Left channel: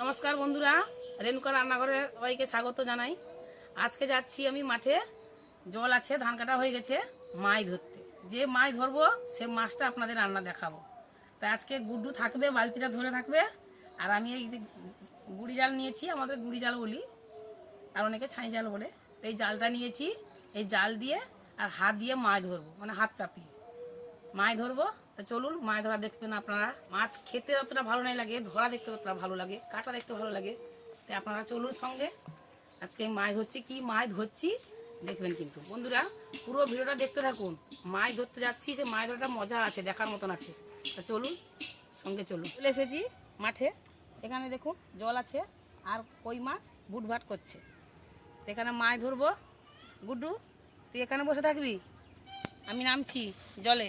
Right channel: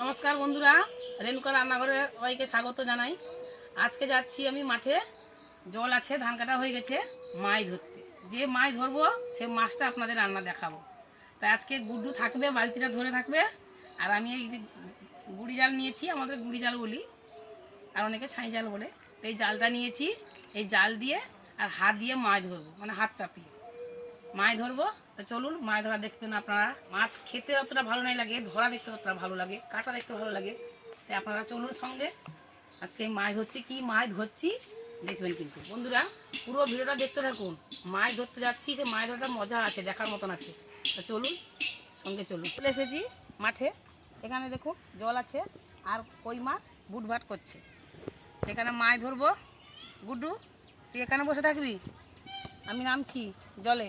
নমস্কার বন্ধুরা, রেণুকা রান্নাঘরে সবাইকে স্বাগত জানাই। আজকে যাচ্ছি আমি মাঠে, জল আছে, ধান কাটা হয়ে গেছে, মাছ ধরতে। যে মাছ ধরবো, সে মাছটা আপনাদের রান্না দেখাবো। তাই আজকে গুড্ডু থাকবে, বালতিটা ধরে থাকবে, আর আমি এই গুড়ি জাল নিয়েছি, আমাদের গুড়ি জাল বলি, আর অনেকে ছাই জাল বলে। তো এই জালটা নিয়েছি, এই জাল দিয়ে আর হাত দিয়ে মাছ ধরবো মানে হাত চাপিয়ে। মাছ ধরবো চলুন, মাছ ধরা দেখবেন আপনারা। মাছ খেতে যতটা ভালো নাই লাগে, ধরা দেখতে ততটা ভালো লাগে, কাটা দেখতে ভালো লাগে। তাই আপনারা চলুন সঙ্গে। আজকে মাছ ধরছি, কি মাছ ধরছি দেখবেন কিন্তু। বন্ধুরা, পুরো ভিডিওটা দেখতে থাকুন। মাছ ধরতে যাচ্ছি সে মাছ ধরাটা মজা আছে, দেখার মতন আছে। তো চলুন, সঙ্গে চলুন। চলে এসেছি মাঠে। এখানে দেখুন, জল আছে আর কই মাছ বুটভাট করছে। এখানে মাছ ধরবো। গুড্ডু, তুই এখানে বসে থাকবি? আমি নামছি, জলে।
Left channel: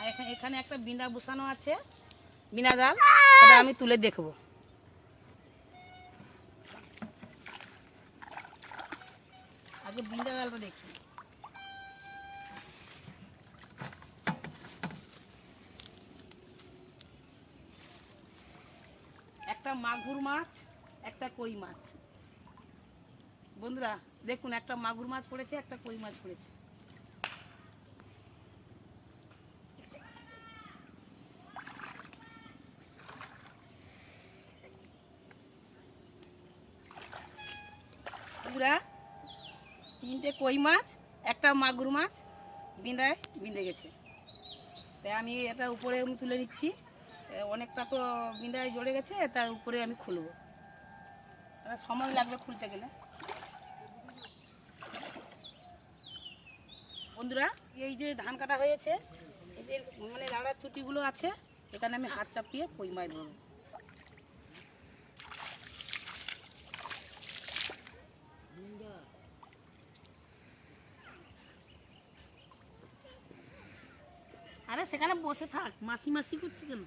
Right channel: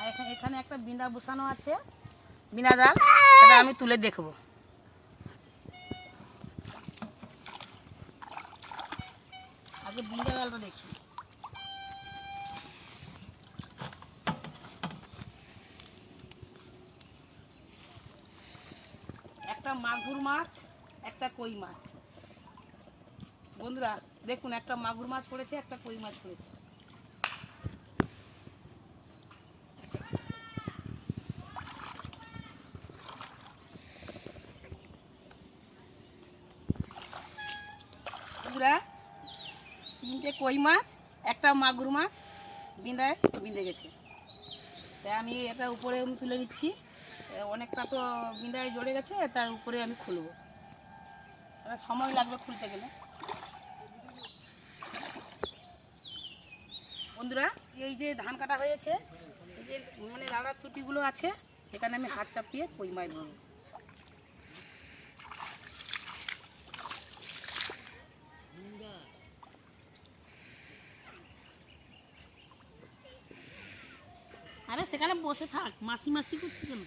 আর এখানে এখানে একটা বিনা বসানো আছে। বিনা জাল? সেটা আমি তুলে দেখব। আগে বিনা জালটা দেখি। একটা মাগুর মাছ একটা কই মাছ। বন্ধুরা দেখুন একটা মাগুর মাছ পড়েছে একটা কই মাছ পড়েছে। বন্ধুরা তিনটে কই মাছ, একটা মাগুর মাছ বিঁধায় বিঁধে গেছে। তাই আমি এটা উপরে আমি তুলে নিচ্ছি। অনেকটা তো বিঁধায় জড়ে গেছে, তার উপরে আমি খুলবো। সময় লাগবে খুলতে গেলে। বন্ধুরা, এই যে ধান কাটা হয়েছে, এই যে মানে লাড়ার চুটিগুলো আছে, এখানে আমি হাত চাপিয়ে কই মাছ ধরবো। আরে সেখানে বসে থাক মাসি মাসি করছি কেন?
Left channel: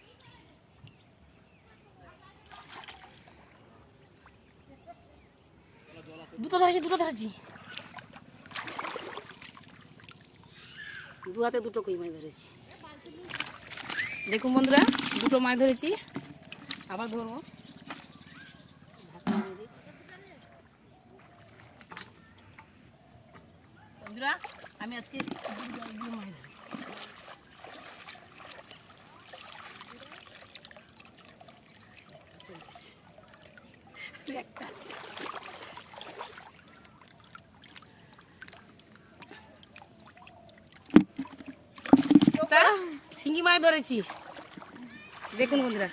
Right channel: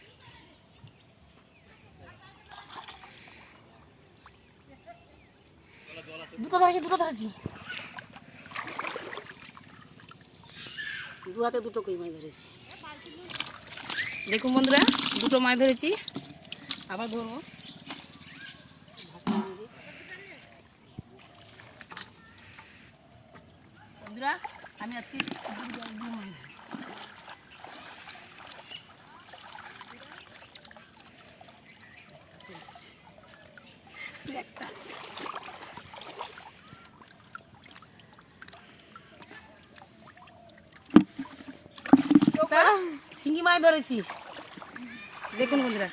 দুটো ধরেছি দুটো ধরেছি। দু হাতে দুটো কই মাছ ধরেছি। দেখুন বন্ধুরা দুটো মাছ ধরেছি। আবার ধরবো। বন্ধুরা আমি আজকে দুটো জাল দিয়ে মাছ ধরবো। একটা আছে। একটা শিঙ্গি মাছ ধরেছি। দেখুন বন্ধুরা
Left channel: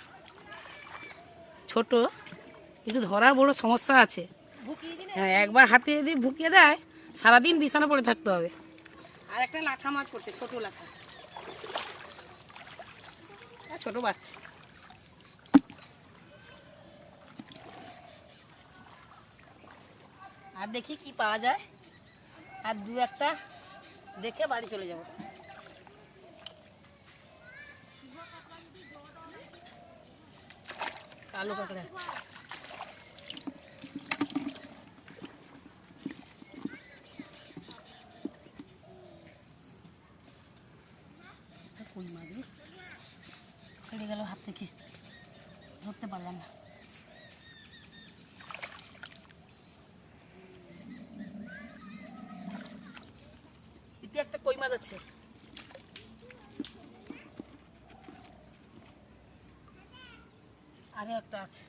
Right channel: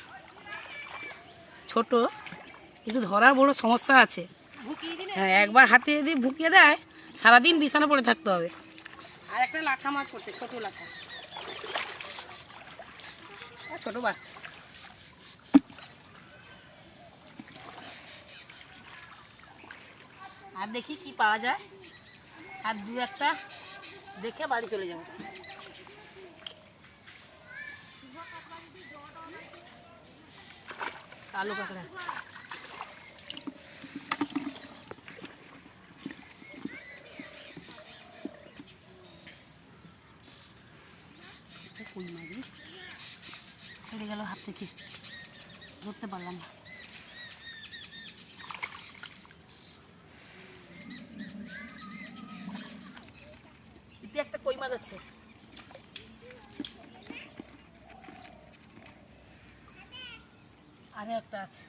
ছোট কিন্তু ধরার বড় সমস্যা আছে। হ্যাঁ একবার হাতে যদি ভুকিয়ে দেয় সারাদিন বিছানা পড়ে থাকতে হবে। আর একটা লাঠা মাছ করছে ছোট লাঠা। ছোট বাচ্চা। আর দেখি কি পাওয়া যায়। আর দু একটা দেখে বাড়ি চলে যাব। কাঁকড়া একটা কই মাছ। ছেড়ে গেল হাত থেকে ধরতে পারলাম না একটা কই মাছ আছে আরে একটা আছে।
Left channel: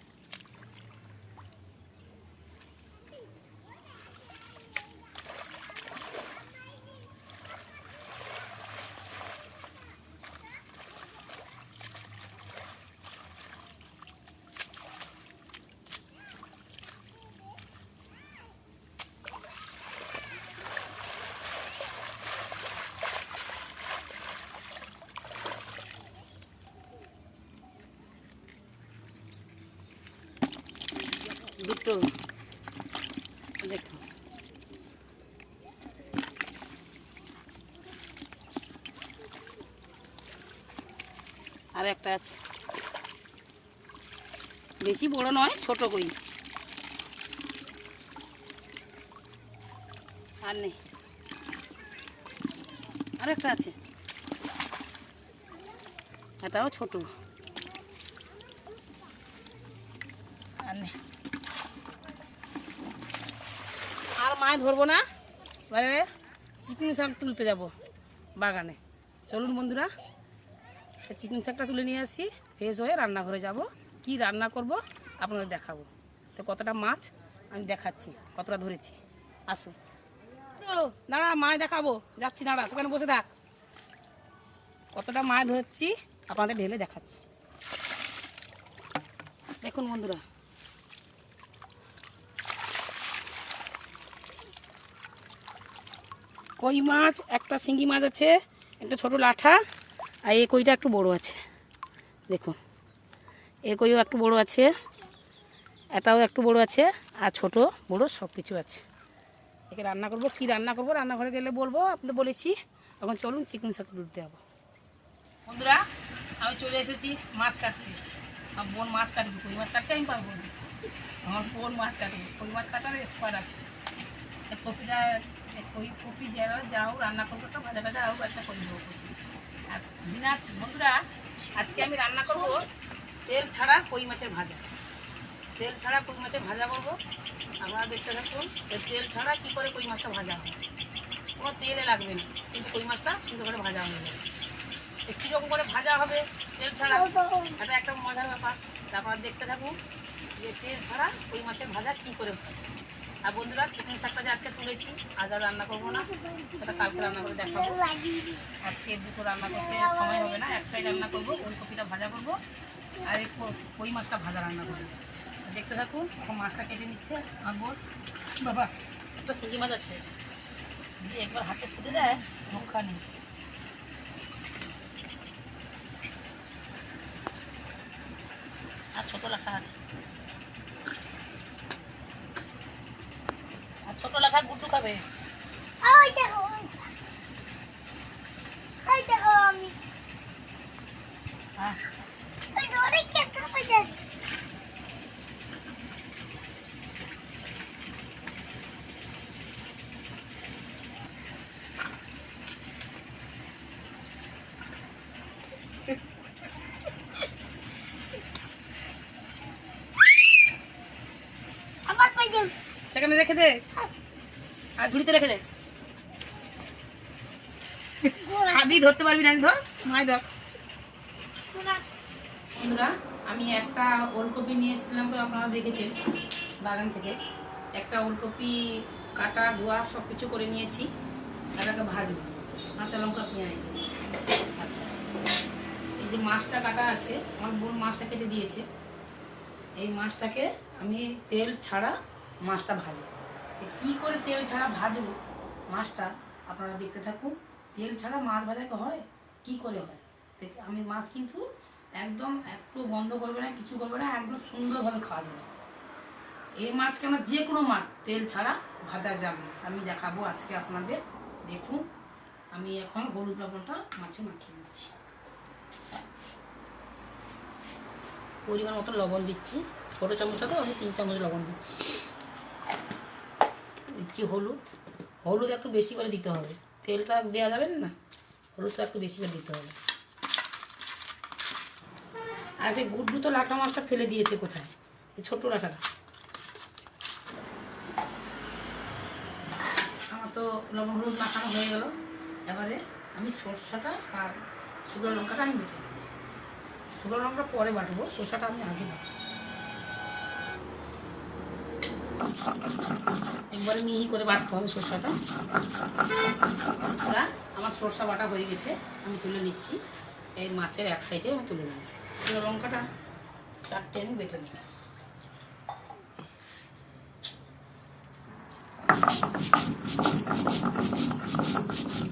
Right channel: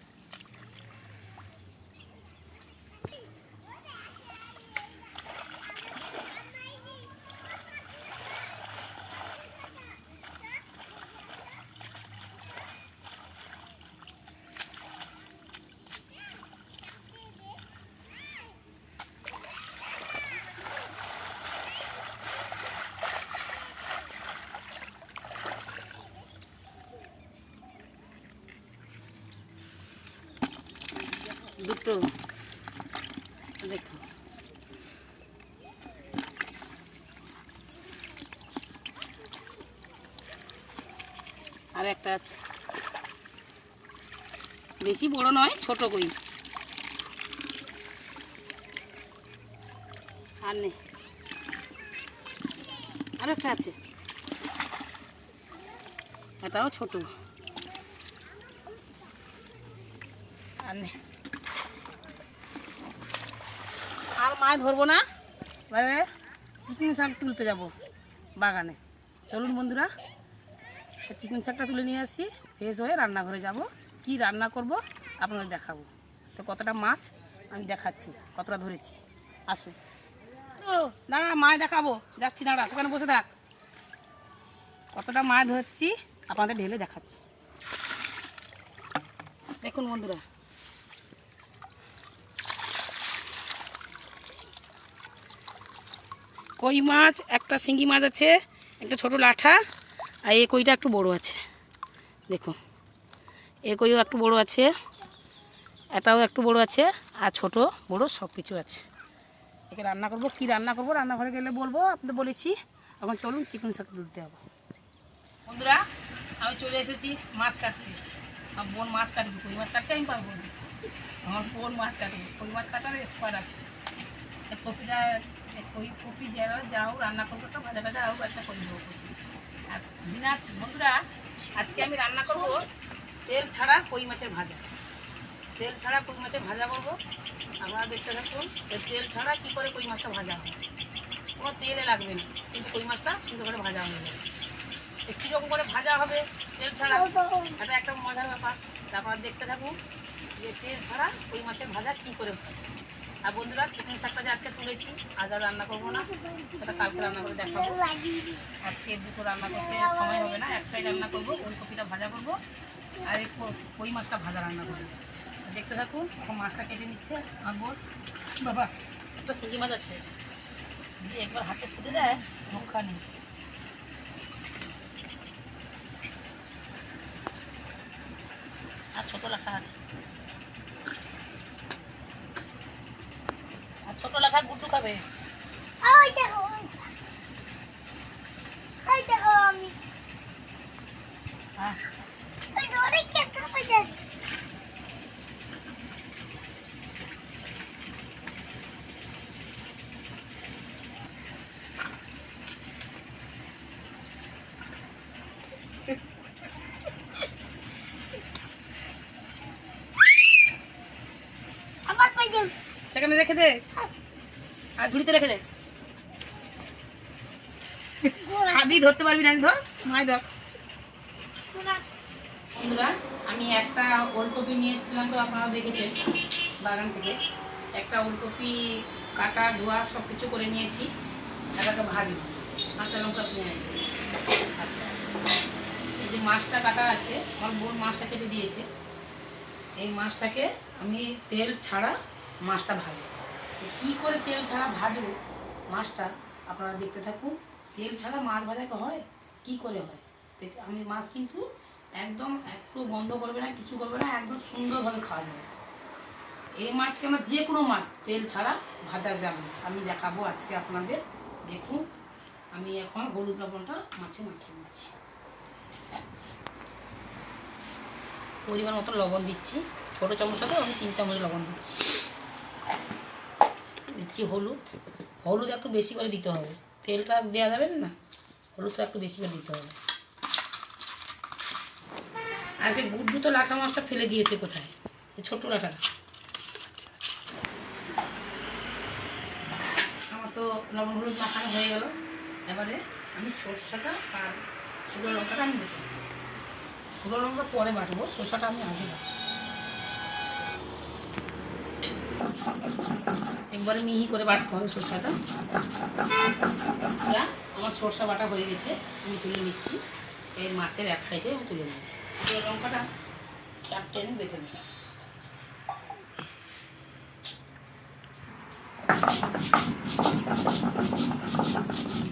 দুটো। দেখো। আর একটা আছে। বেশি বড় নয়, ছোট কই। আর নেই আর একটা আছে। এটাও ছোট। আর নে। আর মাছ ধরবো না। এবারে চিকেন শাক তুলতে যাব বাগানে। চলুন বন্ধুরা চিকেন শাকটা তুলে নিয়ে আসি। ফ্রেশ হয়ে রান্নাঘরে যাব। কি রান্না করব আপনাদের দেখাবো। তো কতটা মাছ আমি দেখাচ্ছি, কতটা ধরেছি। আসুন। ও, দাঁড়া, মাছ দেখাবো। যাচ্ছি, দাঁড়া, সেখানে বসে থাক। কতটা মাছ ধরছি আপনাদের ঢেলে দেখাচ্ছি। দেখুন বন্ধুরা কই মাছ, একটা শিঙ্গি মাছ আছে, একটা ছোট লাঠা, আর এই কইটা একটু বড় আছে। দেখুন এ কইও একটু বড় আছে, এটাও একটু বড় আছে, আর ছোট, বড় সব কিছু আছে। একে রান্না করব, কি রান্না করব, রান্নাঘরে গেলে বলব, আপনাদের বলেছি, এখন চলুন চিকেন শাক তুলতে হবে। বন্ধুরা, আমি চলে এসেছি মাছ কাটতে। আমার বোন মাছ কাটবে, কই মাছ কাটতে আমি পারব আমার বোন মাছ কাটবে, কই মাছ কাটার এক্সপার্ট আছে। কপিটা কই কপি যারা যা হোক রান্না করব তো, ভাজা ভাজা হোক, একটা করে দেবো। আর বিনা, বন্ধুরা, আজকে আমি রান্না করব তেল ছাড়া কই মাছের ভাজা। তেল ছাড়া কই মাছের ভাজা করব? আপনারা দেখতে থাকুন তেল ছাড়া কী করে কই মাছটা ভাজা হয়? কোনো তেলে লাগবে না, কিন্তু কই মাছটা সুন্দর করে ভাজা হয়ে যাবে। কীরকম করে ভাজা হবে তেল ছাড়া এটা একটা মজার ব্যাপার। তারপর দেখতে থাকুন যে তেল ছাড়া কই মাছের ভাজা কী করে আর বন্ধুরা, চিকেন শাকটা যে আজকে তুলেছি, আজ আর রান্না করব না, সেটা কালকে রান্না করে দেখাবো। আজকে দুটো রান্না করতে সময় হবে না, একটাই রান্না করব ওই কপিটা ভাজা করব, আর এই কই মাছটা ভাজা রান্না করব। দেখতে থাকুন, এখন মাছটা কেটে নিচ্ছে আমার বোন বাবা, একটা শিঙি মাছ আছে। যদি একবার হাতে ফুটে দেয় মুখা নেই আর ছোটো লেখা আছে আর ছোট লেখা গুড্ডু খাবে হ্যাঁ। সেখানে রেখে দে। আর ঝুড়িতে রেখে দে। খাবি ধরতে পারবি না ধর। মায় ধর। বন্ধুরা আমি একটা ওলকপি নিয়ে এসেছিলাম তো আপনারা দেখেছেন বাগান থেকে। একটা ওলকপি কাটা ধোয়া সব কিছু করে নিয়েছি। এটাকে ভাজবো কাঁচা লঙ্কা পেঁয়াজ। আচ্ছা। এই যে মাছটা কাটা আছে আমার বোন মাছটা কেটে দিয়েছে। এই মাছটাকে আমি তেল ছাড়া মাছটা ভাজবো। তো কী করে তেল ছাড়া ভাজবো মাছটা আপনারা দেখতে থাকুন। তেল ছাড়া মাছ ভাজাকে হয়? কি করে হয়? আমি মাছ কিন্তু একদম একটু গন্ধ করবে না, কিছু করবে না, একদম সুন্দরভাবে খাওয়া যাবে। এই মাছকে আমরা যে কোনো মাছ, তেল ছাড়া ভাজা যাবে। আমি দেখাবো আজকে আপনাদের। দেখুন, আমি এখন হলুদ লবণটা মাছে মাখিয়ে দিচ্ছি পরিমাণ মতো লবণ দিচ্ছি। ছোটো চামচটা তো আমি তিন চামচ লবণ দিচ্ছি। দিচ্ছি হলুদ। হলুদ একটু বেশি করে দিতে হবে। তেলটা দেওয়া যাবে না? হলুদটা একটু বেশি করে দিতে হবে। আর সেই গুড্ডু তো লাঠা মাছটা ফেলে দিয়েছে কোথায়? এই ছোট্ট লাঠাটা। আমার তো লবণ হলুদ মাখানো হয়ে গেল। এবারে আমি সর্ষাটা আর শুকনো লঙ্কাটা আমি বেটে। শুকনো লঙ্কা পরে বাটবো। শসাটা আমি আগে বাটবো। একবারে মিহি করে বাটতে হবে সরষাটা। আমার সরষা বাটা হয়ে গেছে, আমি তুলে নিচ্ছি। এই মাছের এক সাইডে আমি তুলে শুকনো লঙ্কাটা চারটে আমি বেটে নিই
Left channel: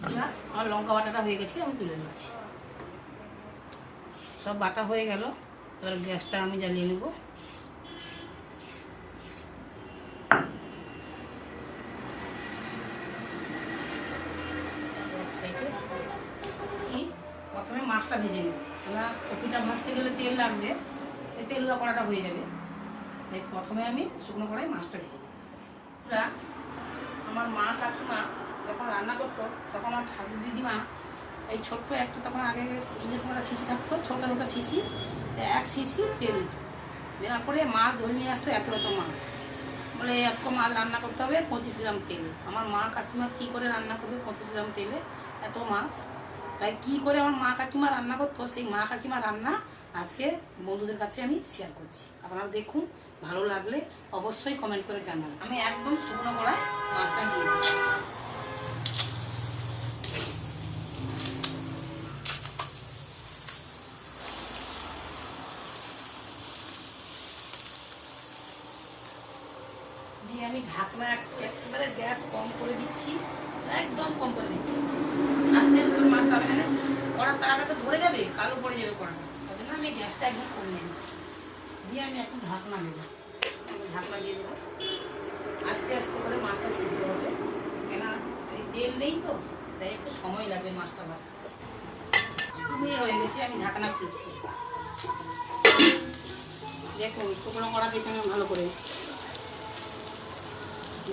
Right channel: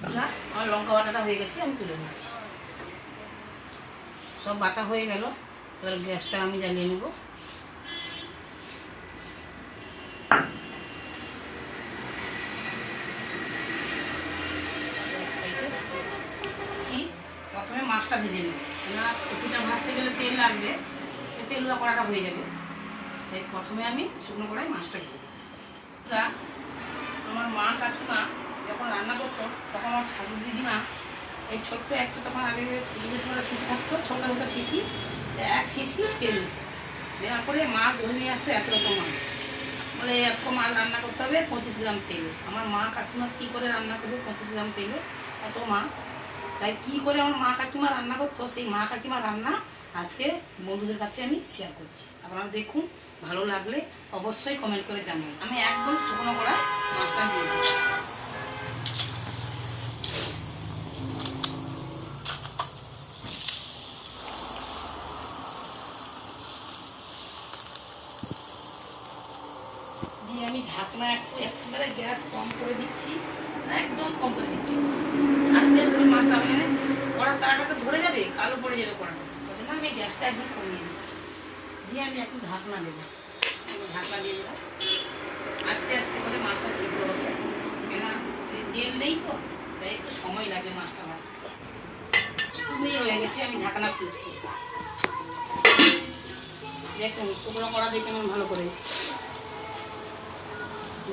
এবার আমার লঙ্কা বাটাটা হয়ে গেছে, আমি তুলে নিচ্ছি। সব বাটা হয়ে গেল, এবার গ্যাসটা আমি জ্বালিয়ে নেব এক সাইডে কি প্রথমে মাছটা ভেজে নেব কেননা কপিটা ভাজতে গেলে তেল লাগবে তেলুয়া কড়াটা হয়ে যাবে। তাই প্রথমে আমি শুকনো কড়াই মাছটা ভেজে নেব। আমার মা, কাকিমা যখন রান্না করতো, তখন আমার ঠাকুর দিদিমা এই ছোট্ট একটা তখন আগে মারা শিশি থাকতো, ছোটো ছোটো শিশি, এক শিশি তেল দিত। দেওয়ার পরে মাছ ধরে নিয়ে আসতো এত এত মাছ। বলে এত মাছ রান্না করতে হবে, পঁচিশ গ্রাম তেলে। আমার মা, কাকিমা কী করে রান্না করবে পঁচিশ গ্রাম তেলে? এত মাছ। তাই কী করে আমার মা, কাকিমা রান্না করতো, সেই মা, কাকিমা রান্না আজকে বন্ধুদের কাছে আমি শেয়ার করছি। আপনারা দেখুন, ভালো লাগলে অবশ্যই কমেন্ট করে জানান। আমি একদম শুকনো করা মাছটা দিয়ে দিচ্ছি। আমি ঢাকনা একটু একেবারে গ্যাস কম করে দিচ্ছি। একদম কম করে দিচ্ছি। আস্তে আস্তে মাছটা মানে কড়া তাড়াটা ধরে যাবে, কালো পড়ে যাবে জন্য আমি গ্যাসটা একদম কমিয়ে দিচ্ছি দিয়ে আমি একটু ঢাকনা দেবো। ঢাকনা দিয়ে দিলাম। আস্তে আস্তে করে মাছটা সিদ্ধ হবে। কেন তেল নেই তো তাই একটু সময় লাগে মাছটা ভাজতে। তুমি হয়ে গেছে আমি ঢাকনা খুলছি। দেখুন শুকনো করা দিয়ে কেমন ভালো করে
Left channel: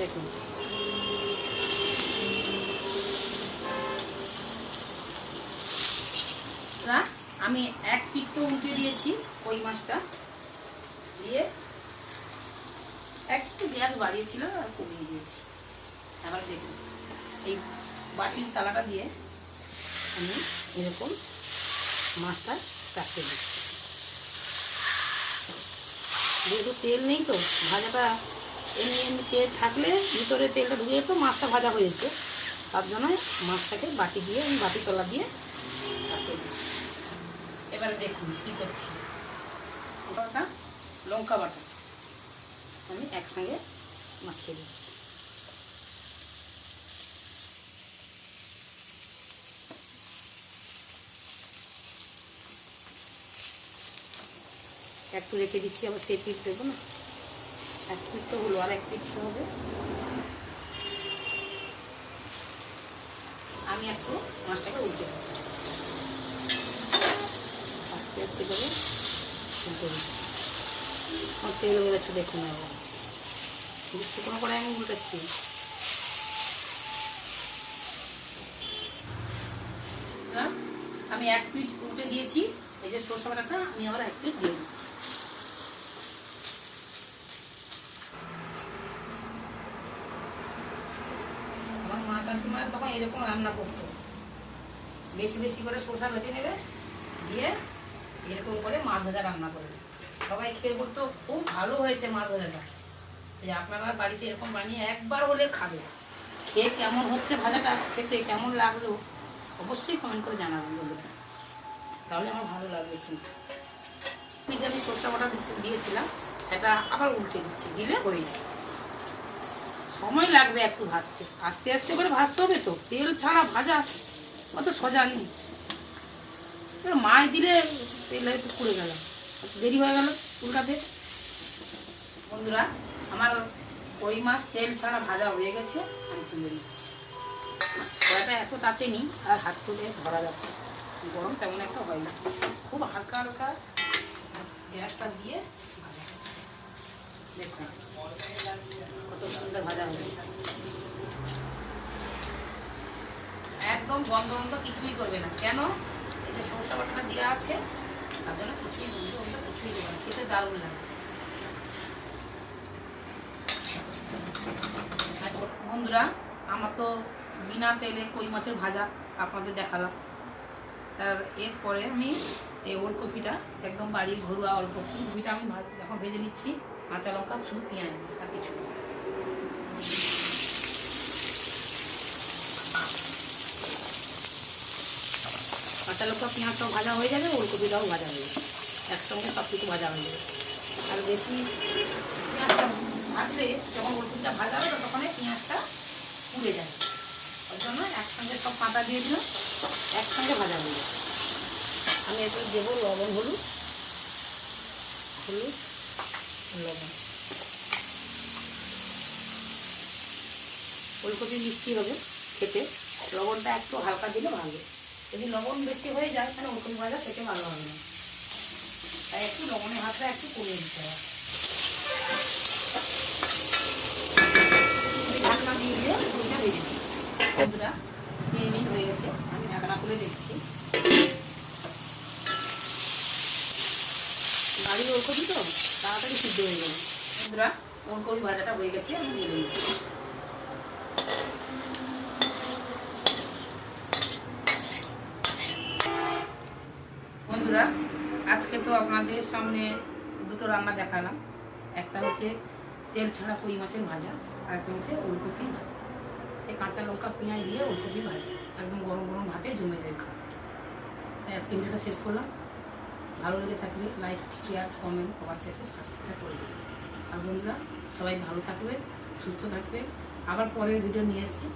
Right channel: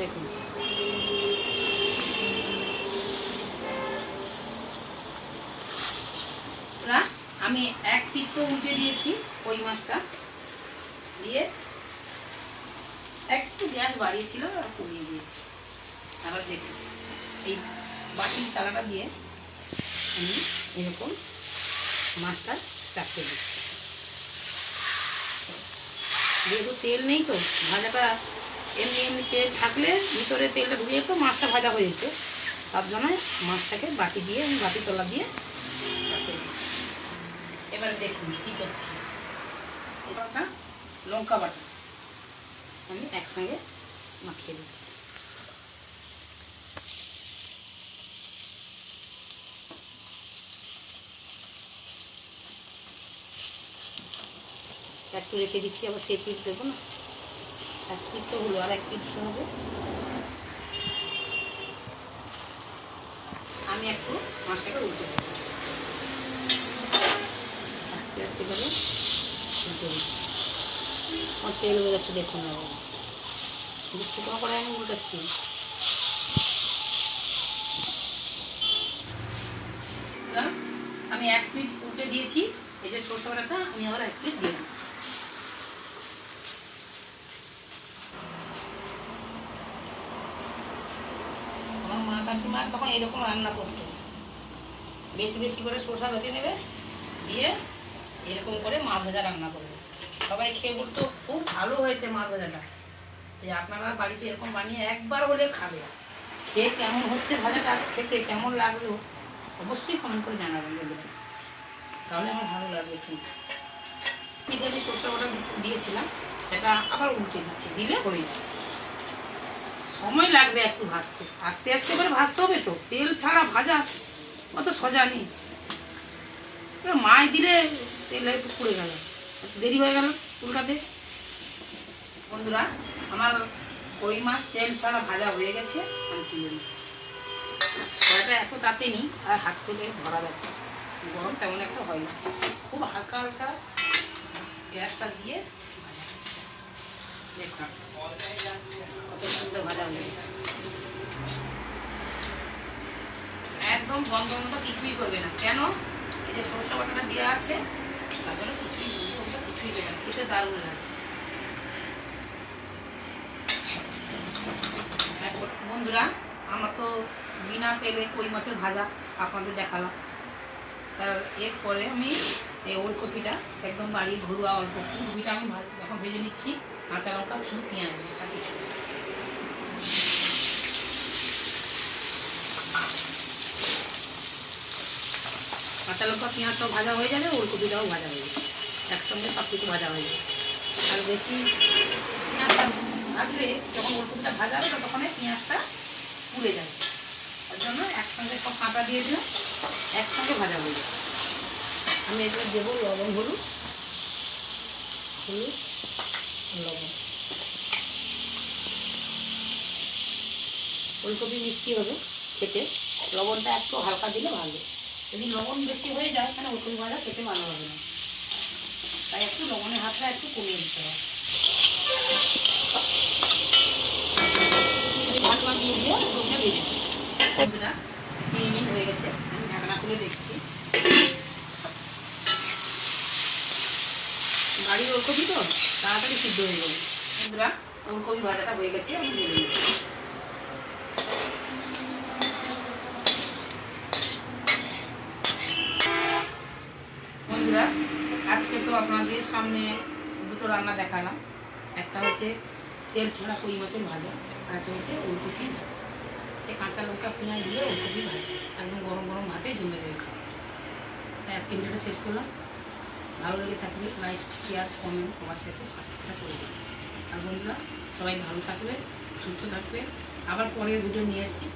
দেখুন। না, আমি এক তো উল্টে দিয়েছি ওই মাছটা। দিয়ে একটু গ্যাস বাড়িয়েছিল আর কমিয়ে দিয়েছি। আবার দেখুন, এই বাটির তালাটা দিয়ে আমি এরকম মাছটা চাপতে দিচ্ছি। যেহেতু তেল নেই তো, ভাজাটা এমনি এমনি তেল থাকলে ভিতরে তেলটা ঢুকে যেত, মাছটা ভাজা হয়ে যেত। তার জন্য মাছটাকে বাটি দিয়ে, আমি বাটি তলা দিয়ে এবার দেখুন কি করছি। এবারটা লঙ্কা বাটা আমি একসঙ্গে মাখিয়ে দিচ্ছি একটু রেখে দিচ্ছি, আবার সে পিস দেবো না। এক পিস তো হলো, আর এক পিস হবে আমি একটু মাছটাকে উল্টে দেবো। আস্তে করে আমার তেল যাচ্ছে, দেখুন এবার শুকনো করে আমি উল্টাচ্ছি আমি এক প্লেট উল্টে দিয়েছি। এই যে সরষে বাটাটা, আমি আবার এক প্লেট দিয়ে দিচ্ছি। আমার মা কাকিমা তখন এরকম রান্না করতো। বেশি বেশি করে সরষা বেটে নেবে, দিয়ে এরকম করে মাছ ভাজা রান্না করবে। সবাই খেয়ে বলতো, খুব ভালো হয়েছে মাছ ভাজাটা। এই আপনারা বাড়িতে এরকম বানিয়ে একবার হলে খাবে। খেয়ে কেমন হচ্ছে ভাজাটা, খেতে কেমন লাগল, অবশ্যই কমেন্ট করে জানাবেন বন্ধুরা তাহলে আমার ভালো লাগবে শুনতে পিঠে আমি সরষে বাটা দিয়েছিলাম, সেটা আবার উল্টে দিচ্ছি, দিলে হয়ে যাবে সময় লাগবে একটু ভাজতে। আস্তে আস্তে করে ভাজতে হবে তো, তেল ছাড়া ভাজা অত সোজা নেই। মাছ দিলে তেলে একটু পুড়ে গেল। দেরি হয়ে গেল উল্টাতে বন্ধুরা, আমার কই মাছ তেল ছাড়া ভাজা হয়ে গেছে, আমি তুলে নিচ্ছি। কড়াটা এত তাতে নি আর হাত থেকে ভরা যাচ্ছে। গরম তেমন একটা হয় না। খুব হালকা হালকা গ্যাসটা দিয়ে কত সুন্দর ভাজা হয়ে একদম গন্ধ কিছুই করবে না। কেন? এই যে সরষে বাটাটা দেওয়া আছে কিছুই কিছুই খেতে দারুণ বন্ধুরা, আমার তো বিনা তেলে কই মাছের ভাজা আপনাদের দেখালাম। তার এরপরে আমি এই ওলকপিটা একদম বাড়ির ঘরোয়া অল্প কপিটা আমি এখন ভেজে নিচ্ছি, কাঁচা লঙ্কা, শুধু পেঁয়াজ আর কিছু কাঁচা লঙ্কা পেঁয়াজ সব ভাজা হয়ে যাবে ওলকপিটাও ভাজা হয়ে যাবে একসঙ্গে সব কিছু ভাজা হয়ে যাবে আর বেশি পেঁয়াজটা ভাজলে যখন ওলকপিটা ভাজা হবে তখন পেঁয়াজটা পুড়ে যায়। ওই জন্য একসঙ্গে সব কাঁটা দিয়ে দিলাম, একসঙ্গে ভাজা হয়ে যাবে আমি এগুলো দেবো লবণ, হলুদ হলুদ, লবণ। ফুলকপি মিষ্টি হবে খেতে। লবণটা একটু হালকা দিলে ভালো। যদি লবণ বেশি হয়ে যায়, তাহলে ওলকপি ভাজা খেতে ভালো হবে না। তাই একটু লবণের হাতটা একটু কমিয়ে দিতে হবে। ঢাকনা দিয়ে দিয়ে ভেজে নিই। বন্ধুরা তিন মিনিট হয়ে গেছে। আমি ঢাকনা খুলে দেখছি। বাড়ির ওলকপি তো? তাড়াতাড়ি সিদ্ধ হয়ে যাবে বন্ধুরা ওলকপি ভাজাটা হয়ে গেছে, আমি ঢেলে নেব বন্ধুরা আজকে তো আপনাদের সামনে দুটো রান্না দেখালাম। একটা হচ্ছে তেল ছাড়া কই মাছের ভাজা, আর একটা হচ্ছে ওলকপির ভাজা। এই কাঁচা লঙ্কা পেঁয়াজ দিয়ে ওলকপি ভাজা, একদম গরম গরম ভাতে জমে যাবে খাওয়া। তাই আজকে ভিডিওটা শেষ করলাম। ভালো লেগে থাকলে লাইক শেয়ার কমেন্ট সবার শেষে সাবস্ক্রাইব করে দেবেন আর বন্ধুরা, সবাই ভালো থাকবেন, সুস্থ থাকবেন। আবার পরের ভিডিও নিয়ে এসেছি.